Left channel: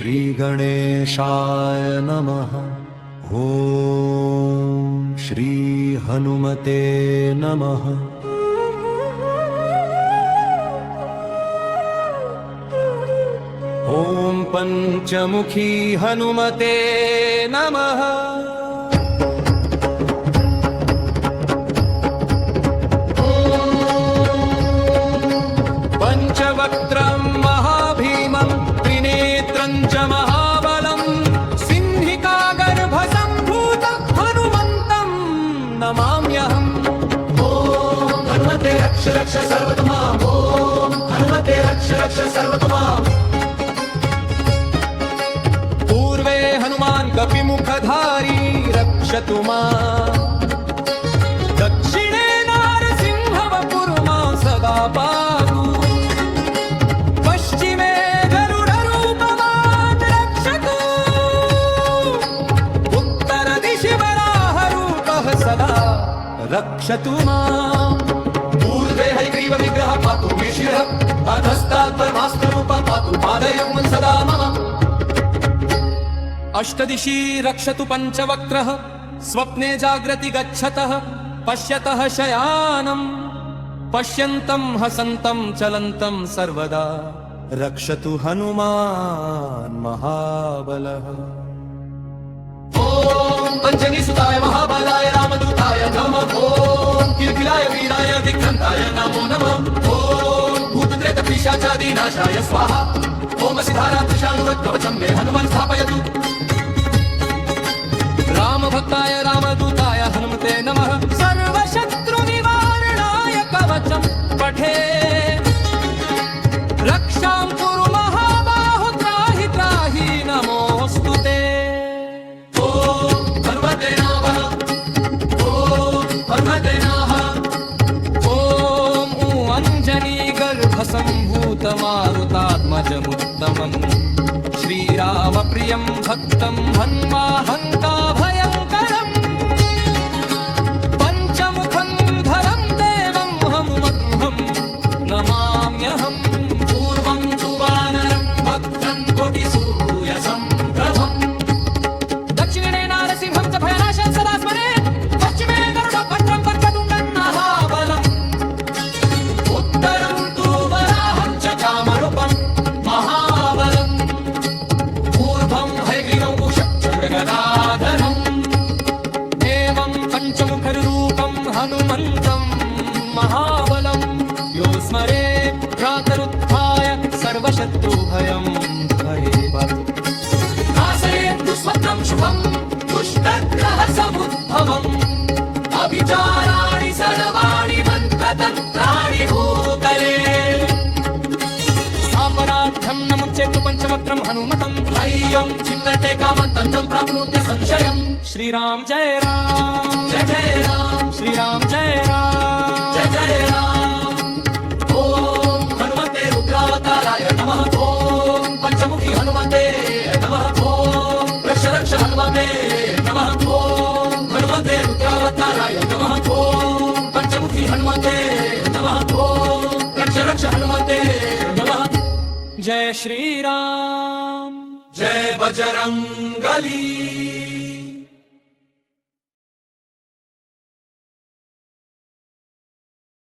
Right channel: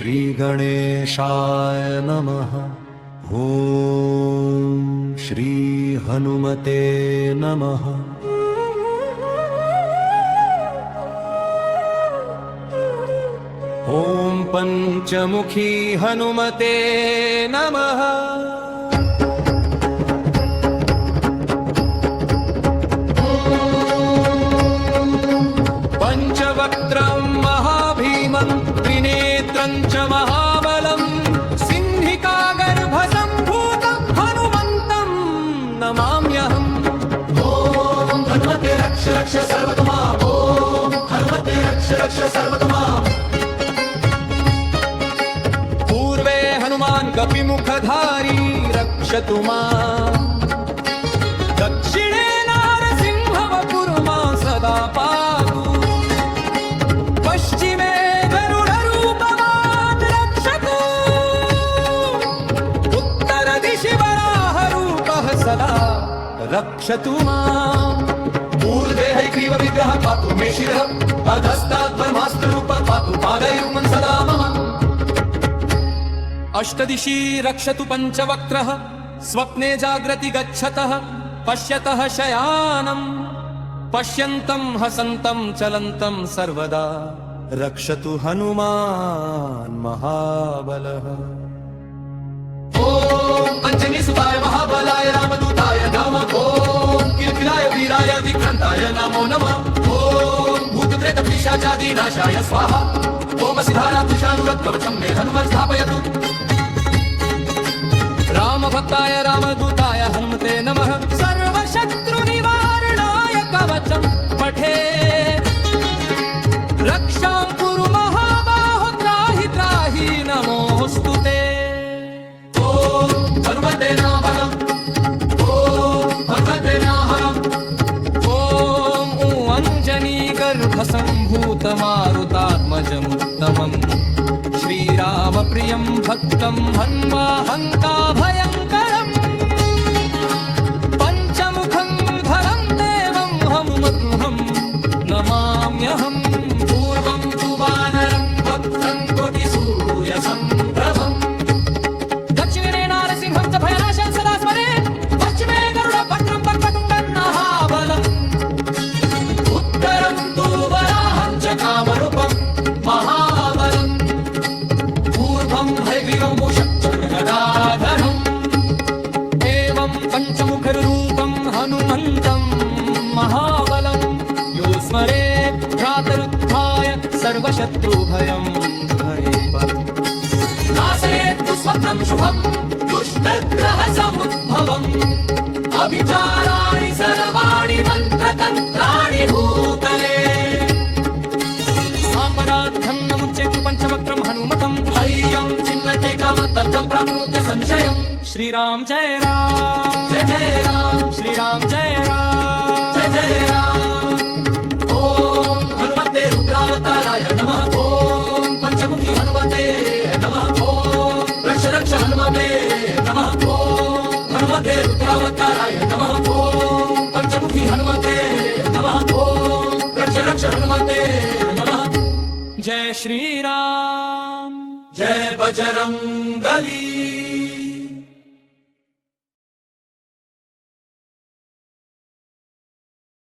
श्री गणेशाय नमः। ओम श्री हनुमते नमः। ओम पंचमुखी हनुमते नमः। पंचवक्त्रं महाभीमं त्रिनेत्रं च महाबलं सिंहिकागर्भसम्भूतं हनुमन्तं नमाम्यहम्। ओम हनुमते रक्ष रक्ष सर्वतो माम्। ओम हनुमते रक्ष रक्ष सर्वतो माम्। पूर्वे हनुमान् कपिमुखधारी रक्षतु माम्। दक्षिणे नारसिंहवपुर्मां सदा पातु। पश्चिमे गरुडरूपवान् रक्षतु। उत्तरदिशि वराहरूपः सदा रक्षतु माम्। पूर्वे हयग्रीव विग्रह पातु मे शिरः। अधस्तात् ब्रह्मास्त्ररूपः पातु पादयुग्मं सदा मम। अष्टदिशि रक्षतु पञ्चवक्त्रः स्वप्ने जाग्रति गच्छतः पश्यतः शयानं पश्यन्तं हसन्तं चलन्तं सर्वदा रक्षतु हनुमान् महाबलः। ओम अंजनीसुताय महाबलाय रामदूताय नमः। ओम किलकिलाय वीराय विक्रन्ताय नमो नमः। ओम भूतप्रेतपिशाचादिनाशाय स्वाहा। ओम सिद्धारा त्रिशाणुरत्कवचं मे हनुमन् स्थापयतु। रामभक्ताय रामदूताय हनुमते नमः। सर्वशत्रुनिवारणाय कवचं पठे रक्षां कुरु महाबाहो त्राहि त्राहि नमोऽस्तु ते। ओम हनुमते नमः। ओम हनुमते नमः। ॐ अंजनी गर्भसम्भूतमारुतात्मजमुत्तमम् श्रीरामप्रियं भक्तं हन्माहङ्काभयङ्करम् पञ्चमुखं धरं देवं हनुमन्तं नमाम्यहम्। पूर्वं तु वानरं भक्तं कोटिसूर्यसम्प्रभम्। दक्षिणे नारसिंहं च भयनाशं सदा स्मरेत्। पश्चिमे गरुडभद्रं वक्रतुण्डं महाबलम्। उत्तरं तु वराहं च कामरूपं महाबलम्। पूर्वं हयग्रीवं भूषगदाधरम्। एवं पञ्चमुखरूपं हनुमन्तं महाबलं यो स्मरेत् प्रातरुत्थाय सर्वशत्रुभयं हरेत्। नाशयेत् तु स्वप्नं शुभं दुष्टग्रहसमुद्भवम्। अभिचाराणि सर्वाणि मन्त्रतन्त्राणि भूतले। अपराधं न मुच्येत् पञ्चवक्त्रं हनुमतं। हय्यं छिन्नते कामन्तं प्रमुद्य संशयम्। श्रीराम जय राम जय जय राम। श्रीराम जय राम जय जय राम। ओम हनुमते रुद्रावताराय नमः। ओम पंचमुखी हनुमते नमः। ओम रक्ष रक्ष हनुमते नमः। ओम हनुमते रुद्रावताराय नमः। ओम पंचमुखी हनुमते नमः। ओम रक्ष रक्ष हनुमते नमः। जय श्री राम जय बजरंगबली।